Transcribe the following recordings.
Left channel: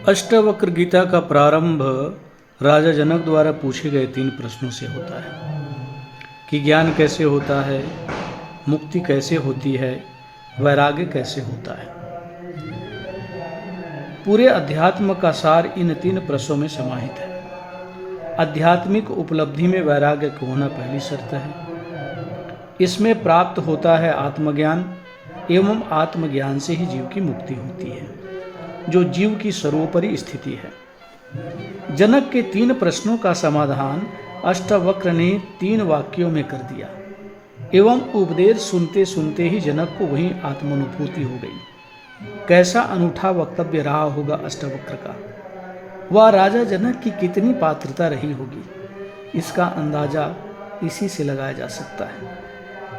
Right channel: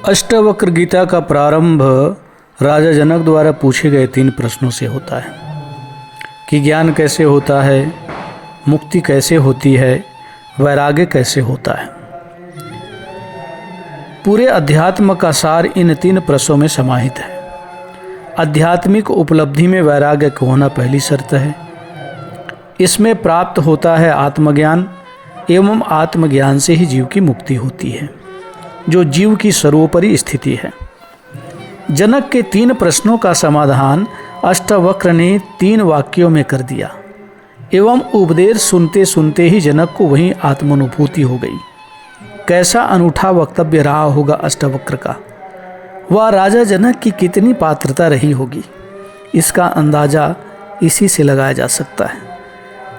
अष्टावक्र गीता का प्रारंभ राजा जनक द्वारा पूछे गए 3 प्रश्नों से होता है कि ज्ञान कैसे होता है, मुक्ति कैसे होती है, वैराग्य कैसे होता है। पूरे अध्यात्म का सार इन 3 प्रश्नों में समाहित है। आध्यात्मिक उपलब्धि में वैराग्य का होना पहली शर्त है। इसमें प्राप्त होता है आत्मज्ञान एवं आत्मज्ञान से ही जीव की मुक्ति होती है, जो जीव की सर्वोपरि स्थिति है। जनक के 3 प्रश्नों का समाधान अष्टावक्र ने 3 वाक्यों में कर दिया एवं उपदेश सुनते सुनते ही जनक को वहीं आत्मानुभूति हो गई। कैसा अनूठा वक्तव्य रहा होगा अष्टावक्र का। वह राजा जनक की कितनी पात्रता रही होगी, इसका अंदाजा इसी से लगाया जा सकता है।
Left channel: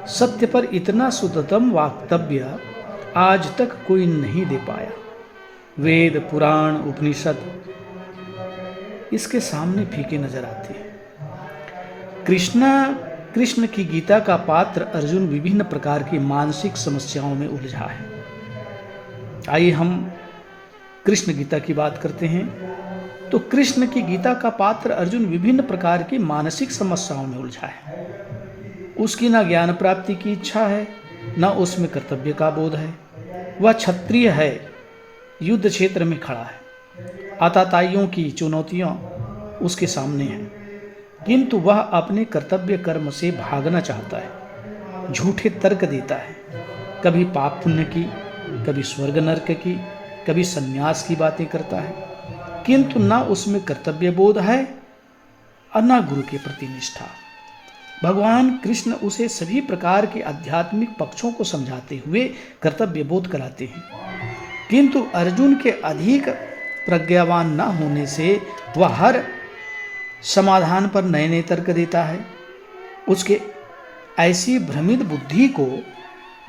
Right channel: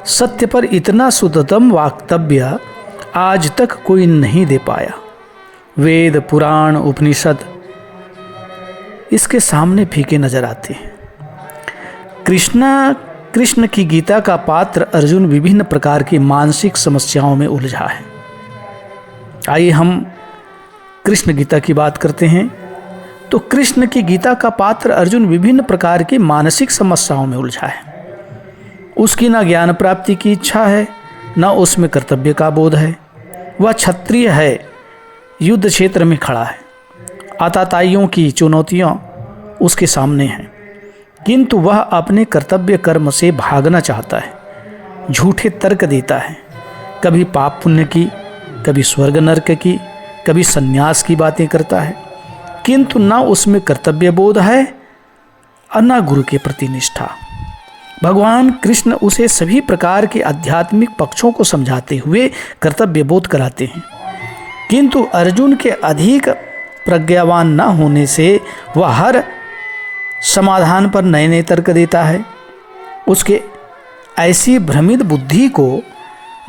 सत्य पर इतना शुद्धतम वक्तव्य आज तक कोई नहीं दे पाया। वेद, पुराण, उपनिषद इसके सामने फीके नजर आते हैं। कृष्ण की गीता का पात्र अर्जुन विभिन्न प्रकार की मानसिक समस्याओं में उलझा है। आइए हम कृष्ण गीता की बात करते हैं। तो कृष्ण की गीता का पात्र अर्जुन विभिन्न प्रकार की मानसिक समस्याओं में उलझा है। उसकी न ज्ञान प्राप्ति की इच्छा है, न उसमें कर्तव्य का बोध है। वह क्षत्रिय है, युद्ध क्षेत्र में खड़ा है, आताताइयों की चुनौतियां उसके सामने हैं, किंतु वह अपने कर्तव्य कर्म से भागना चाहता है। झूठे तर्क देता है, कभी पाप पुण्य की, कभी स्वर्ग नरक की, कभी सन्यास की बातें करता है, किंतु न उसमें कर्तव्य बोध है और न गुरु के प्रति निष्ठा। भगवान कृष्ण उसे सभी प्रकार के आध्यात्मिक पक्षों को समझाते हुए कर्तव्य बोध कराते हैं, किंतु अर्जुन के अधिक प्रज्ञावान न होने से वह हर समाधान पर नए नए तर्क देता है। उसके ऐसी भ्रमित बुद्धि को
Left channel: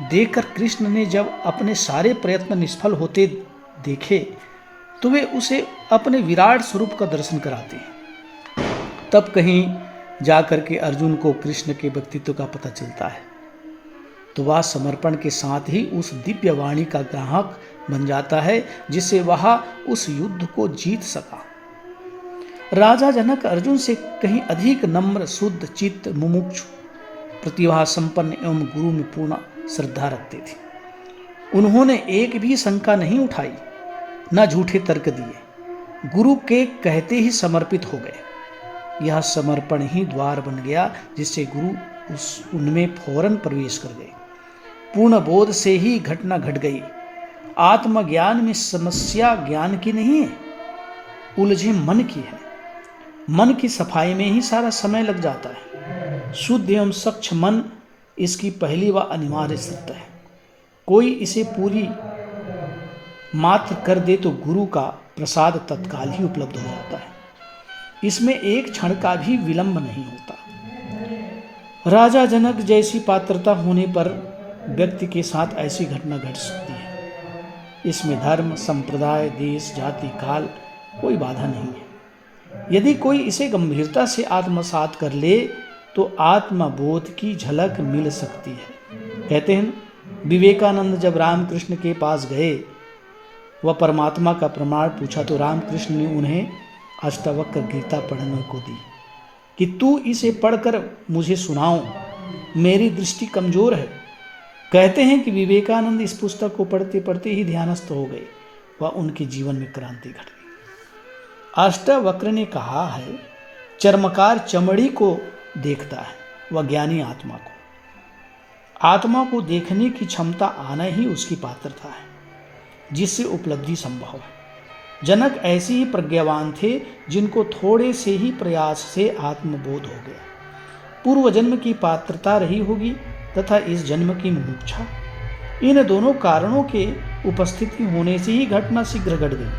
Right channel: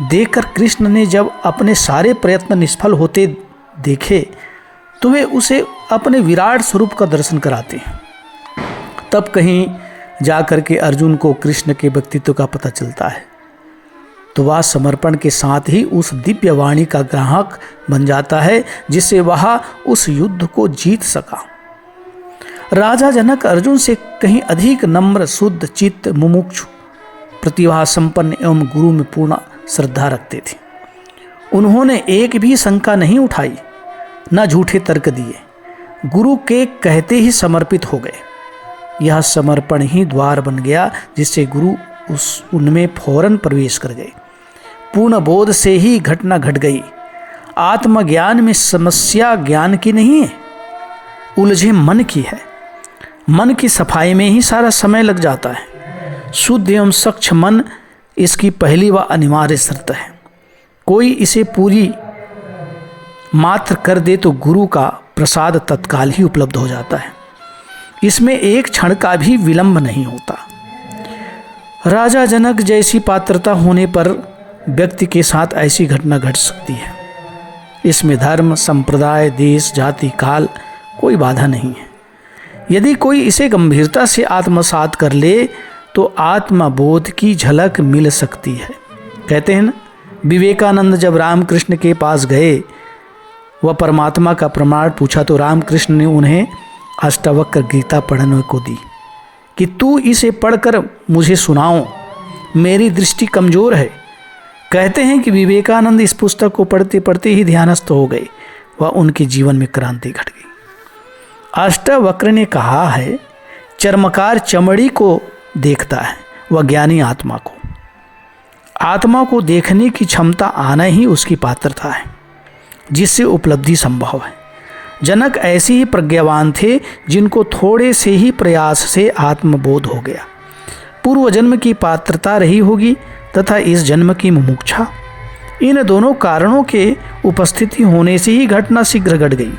देखकर कृष्ण ने जब अपने सारे प्रयत्न निष्फल होते देखे तो वे उसे अपने विराट स्वरूप का दर्शन कराते हैं। तब कहीं जाकर के अर्जुन को कृष्ण के व्यक्तित्व का पता चलता है, तो वह समर्पण के साथ ही उस दिव्य वाणी का ग्राहक बन जाता है, जिससे वह उस युद्ध को जीत सका। राजा जनक अर्जुन से कहीं अधिक नम्र, शुद्ध चित्त, मुमुक्षु, प्रतिभा संपन्न एवं गुरु में पूर्ण श्रद्धा रखते थे। उन्होंने एक भी शंका नहीं उठाई, न झूठे तर्क दिए, गुरु के कहते ही समर्पित हो गए। यह समर्पण ही द्वार बन गया, जिससे गुरु उनमें फौरन प्रवेश कर गए। पूर्ण बोध से ही घटना घट गई। आत्मज्ञान में समस्या ज्ञान की नहीं है, उलझे मन की है। मन की सफाई में ही सारा समय लग जाता है। शुद्ध एवं स्वच्छ मन इसकी पहली व अनिवार्य शर्त है। कोई इसे पूरी मात्र कर दे तो गुरु का प्रसाद तत्काल ही उपलब्ध हो जाता है। इसमें एक क्षण का भी विलंब नहीं होता। राजा जनक जैसी पात्रता होने पर व्यक्ति के साथ ऐसी घटना घट सकती है। इसमें धर्म, संप्रदाय, देश, जाति, काल कोई बाधा नहीं है। यदि कोई इसे गंभीरता से आत्मसात कर ले तो आत्मबोध की झलक मिल सकती है। कहते हैं ना, विवेकानंद जब रामकृष्ण के पास गए, वह परमात्मा का प्रमाण पूछा तो रामकृष्ण ने उन्हें अष्टावक्र गीता पढ़ने को दी कि तू इसे पढ़कर मुझे सुनाओ, मेरी दृष्टि कमज़ोर है। कहते हैं कि विवेकानंद इस पुस्तक को पढ़ते पढ़ते ही ध्यानस्थ हो गए। वह उनके जीवन में क्रांति घट गई। अष्टावक्र ने कहा है, चर्मकार चमड़ी को देखता है, वह ज्ञानी आत्मा को। आत्मा को देखने की क्षमता आना ही उसकी पात्रता है, जिससे उपलब्धि संभव है। जनक ऐसे ही प्रज्ञावान थे जिनको थोड़े से ही प्रयास से आत्मबोध हो गया। पूर्व जन्म की पात्रता रही होगी तथा इस जन्म की मुमुक्षा। इन दोनों कारणों के उपस्थिति होने से ही घटना शीघ्र घट गई।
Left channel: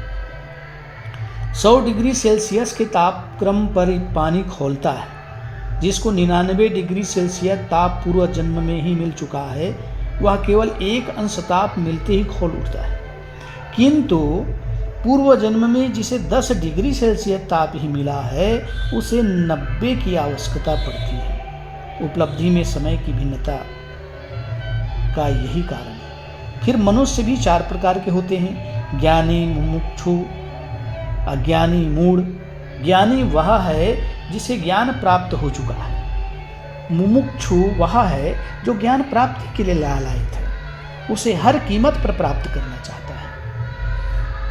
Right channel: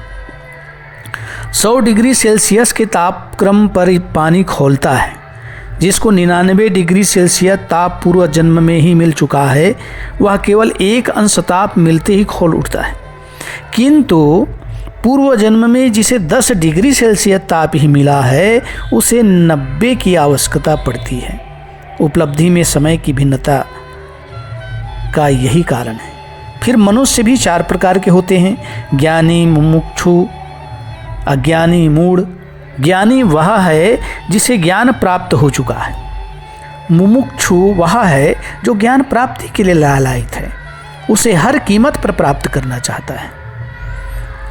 100 डिग्री सेल्सियस के तापक्रम पर पानी खौलता है, जिसको 99 डिग्री सेल्सियस ताप पूर्व जन्म में ही मिल चुका है, वह केवल 1 अंश ताप मिलते ही खौल उठता है। किंतु पूर्व जन्म में जिसे 10 डिग्री सेल्सियस ताप ही मिला है, उसे 90 की आवश्यकता पड़ती है। उपलब्धि में समय की भिन्नता का यही कारण है। फिर मनुष्य भी 4 प्रकार के होते हैं, ज्ञानी, मुमुक्षु, अज्ञानी मूढ़। ज्ञानी वह है जिसे ज्ञान प्राप्त हो चुका है। मुमुक्षु वह है जो ज्ञान प्राप्ति के लिए लालायित है, उसे हर कीमत पर प्राप्त करना चाहता है।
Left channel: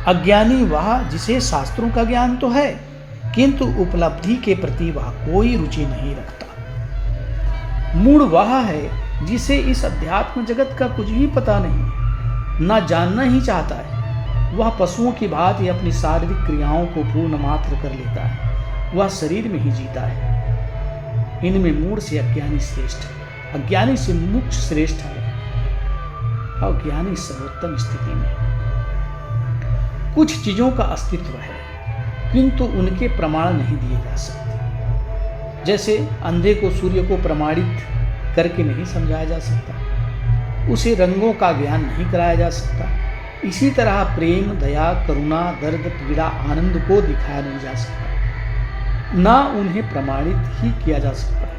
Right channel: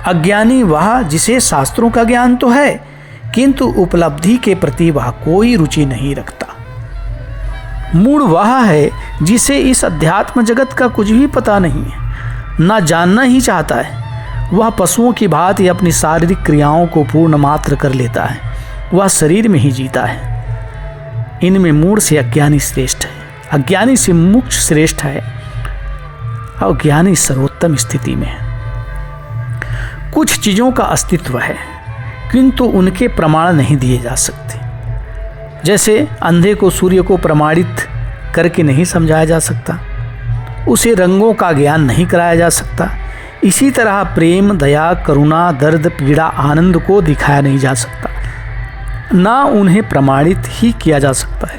अज्ञानी वह जिसे शास्त्रों का ज्ञान तो है किंतु उपलब्धि के प्रति वह कोई रुचि नहीं रखता। मूढ़ वह है जिसे इस अध्यात्म जगत का कुछ भी पता नहीं है, न जानना ही चाहता है। वह पशुओं की भांति अपनी शारीरिक क्रियाओं को पूर्ण मात्र कर लेता है, वह शरीर में ही जीता है। इनमें मूढ़ से अज्ञानी श्रेष्ठ है, अज्ञानी से मुमुक्ष श्रेष्ठ है, और ज्ञानी सर्वोत्तम स्थिति में है। कुछ चीज़ों का अस्तित्व है किंतु उनके प्रमाण नहीं दिए जा सकते। जैसे अंधे को सूर्य को प्रमाणित करके नहीं समझाया जा सकता, उसे रंगों का ज्ञान नहीं कराया जा सकता। इसी तरह प्रेम, दया, करुणा, दर्द, पीड़ा, आनंद को दिखाया नहीं जा सकता, ना उन्हें प्रमाणित ही किया जा सकता है।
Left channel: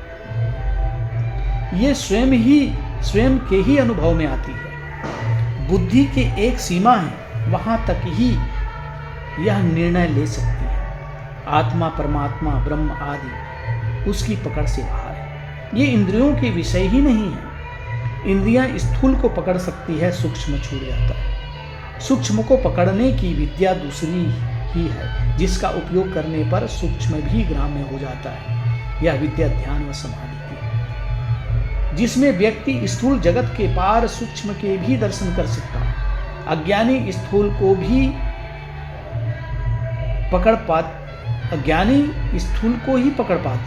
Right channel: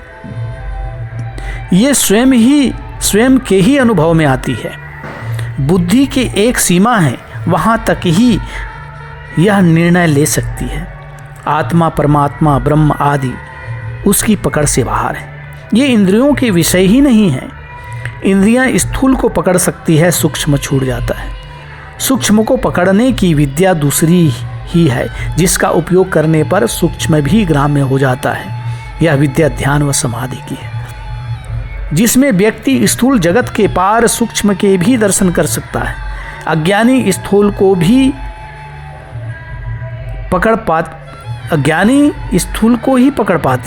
ये स्वयं के ही अनुभव में आती है। बुद्धि की एक सीमा है, वहाँ तक ही यह निर्णय ले सकती है। आत्मा, परमात्मा, ब्रह्म आदि उसकी पकड़ से बाहर है। ये इंद्रियों के विषय ही नहीं है। इंद्रियां स्थूल को पकड़ सकती है, सूक्ष्म छूट जाता है। सूक्ष्म को पकड़ने की विद्या दूसरी ही है, जिसका उपयोग करने पर सूक्ष्म भी ग्राम्य हो जाता है। यह विद्या ध्यान व समाधि की है, जिसमें व्यक्ति स्थूल जगत के पार सूक्ष्म के भी दर्शन कर सकता है। अज्ञानी स्थूल को ही पकड़ पाते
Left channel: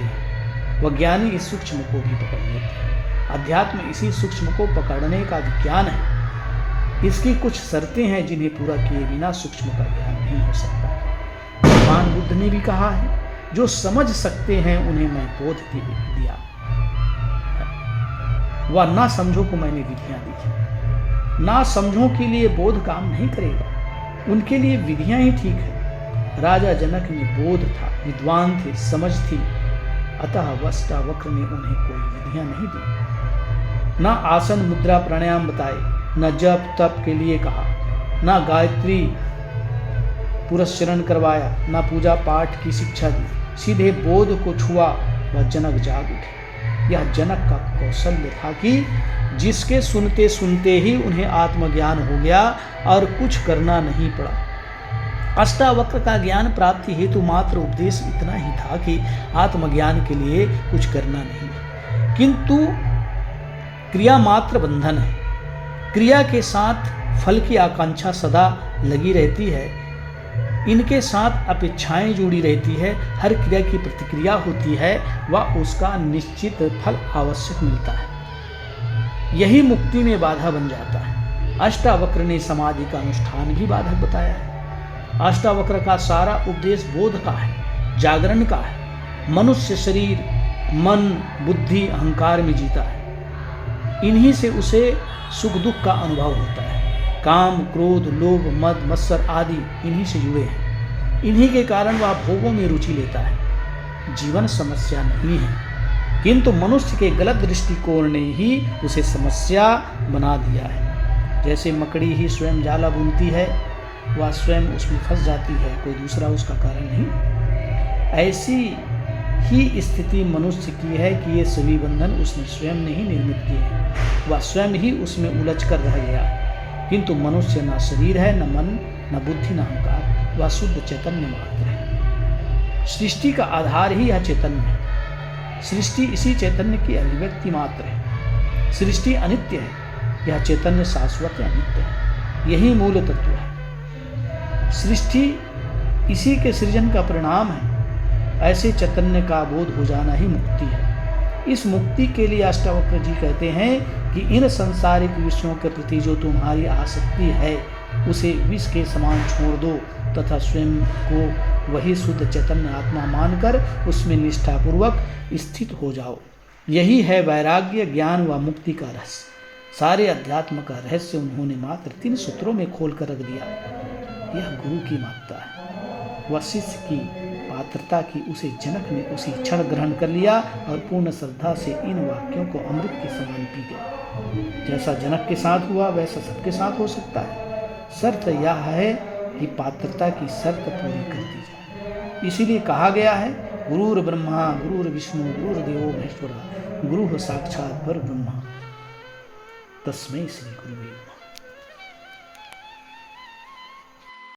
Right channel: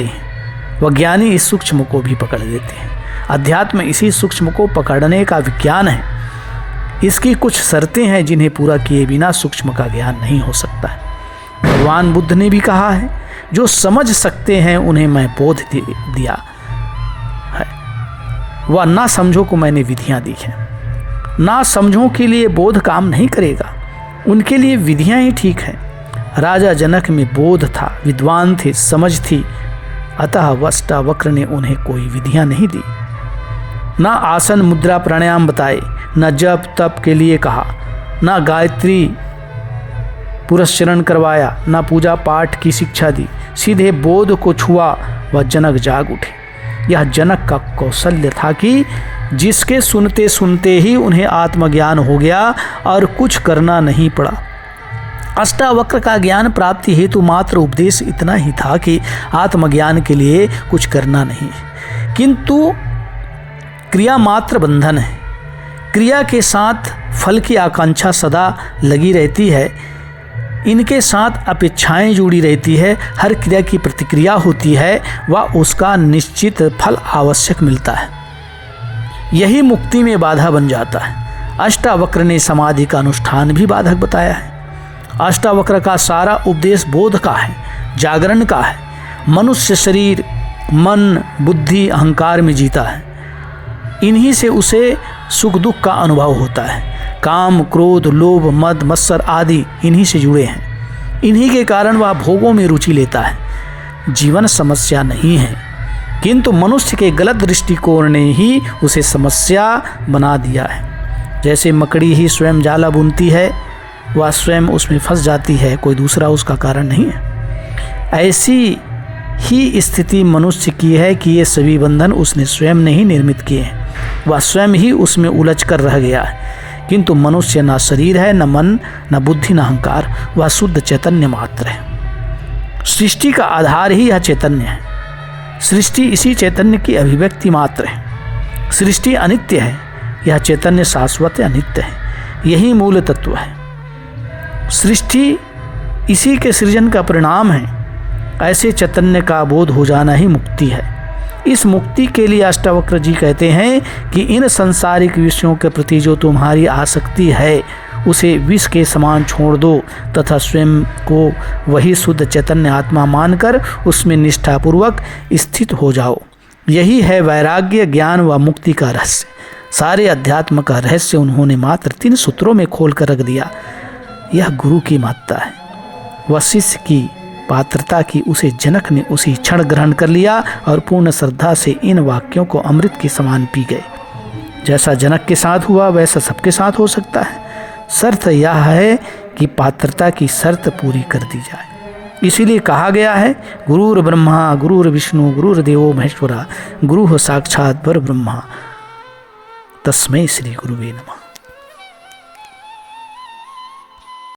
हैं, वह ज्ञानी इस सूक्ष्म को भी पकड़ लेते हैं। अध्यात्म इसी सूक्ष्म को पकड़ने का विज्ञान है। इसकी कुछ शर्तें हैं जिन्हें पूरा किए बिना सूक्ष्म का ज्ञान नहीं हो सकता है। भगवान बुद्ध ने भी कहा है, जो समझ सकते हैं उन्हें मैं बोध दिया है, वह ना समझो को मैंने विधियां दी हैं। ना समझो के लिए बोध काम नहीं करेगा, उनके लिए विधियां ही ठीक है। राजा जनक में बोध था, विद्वान थे, समझ थी, अतः अष्टावक्र ने उन्हें कोई विधियां नहीं दी। न आसन, मुद्रा, प्राणायाम बताए, न जप तप के लिए कहा, न गायत्री पुरस्चरण करवाया, न पूजा पाठ की शिक्षा दी। सीधे बोध को छुआ वह जनक जाग उठे। यह जनक का कौशल्य था कि जिसके सुनते सुनते ही उन्हें आत्मज्ञान हो गया और कुछ करना नहीं पड़ा। अष्टावक्र का ज्ञान प्राप्ति हेतु मात्र उपदेश इतना ही था कि आत्मज्ञान के लिए कुछ करना नहीं, किंतु क्रिया मात्र बंधन है। क्रिया के साथ फल की आकांक्षा सदा लगी रहती है, इनके साथ अपेक्षाएं जुड़ी रहती है। हर क्रिया की प्रतिक्रिया होती है, वह उसका निश्चित फल आवश्यक मिलता है। यही मुक्ति में बाधा बन जाता है। अष्टावक्र ने समाधि का अनुष्ठान भी बाधक बताया है। अष्टावक्र का सारा उपदेश बोध का है, जागरण का है। मनुष्य शरीर, मन, बुद्धि, अहंकार में जीता है। इन्हीं से उसे सुख दुख का अनुभव होता है। काम, क्रोध, लोभ, मद, मत्सर आदि इन्हीं से जुड़े हैं। इन्हीं के कारण वह भोगों में रुचि लेता है। जीवन समस्या नहीं है, किंतु मनुष्य के गलत दृष्टिकोण ने ही उसे समस्या बना दिया है। जैसे मकड़ी ही स्वयं जाला बुनती है, वह स्वयं उसमें फंस जाती है, कोई दूसरा उसका कारण नहीं है। ऐसी ही स्थिति मनुष्य की है कि ये सभी बंधन उसने स्वयं ने ही निर्मित किए हैं। वह स्वयं ही उसमें उलझ कर रह गया है। किंतु मनुष्य न शरीर है, न मन, न बुद्धि, न अहंकार, वह शुद्ध चैतन्य मात्र है। सृष्टि का आधार ही यह चैतन्य है। सृष्टि इसी चैतन्य की अभिव्यक्ति मात्र है। सृष्टि अनित्य है, यह चैतन्य शाश्वत अनित्य है। यही मूल तत्व है। सृष्टि इसी के सृजन का परिणाम है। ऐसे चैतन्य का बोध हो जाना ही मुक्ति है। इस मुक्ति के लिए अष्टावक्र जी कहते हैं कि इन सांसारिक विषयों के प्रति जो तुम्हारी आसक्ति है उसे विष के समान छोड़ दो तथा स्वयं को वही शुद्ध चैतन्य आत्मा मानकर उसमें निष्ठापूर्वक स्थित हो जाओ। यही है वैराग्य, ज्ञान व मुक्ति का रहस्य। सारे अध्यात्म का रहस्य उन्होंने मात्र 3 सूत्रों में खोल कर रख दिया। यह गुरु की महत्ता है। वह शिष्य की पात्रता की उसे जनक ने उसी क्षण ग्रहण कर लिया और पूर्ण श्रद्धा से इन वाक्यों को अमृत के समान पी गए। जैसा जनक के साथ हुआ वैसा सबके साथ हो सकता है। शर्त यह है की पात्रता की शर्त पूरी कर दी जाए। इसीलिए कहा गया है गुरुर ब्रह्मा गुरुर विष्णु गुरुर्देवो महेश्वरा गुरु साक्षात परब्रह्मा तस्मै श्री गुरुवे नमः।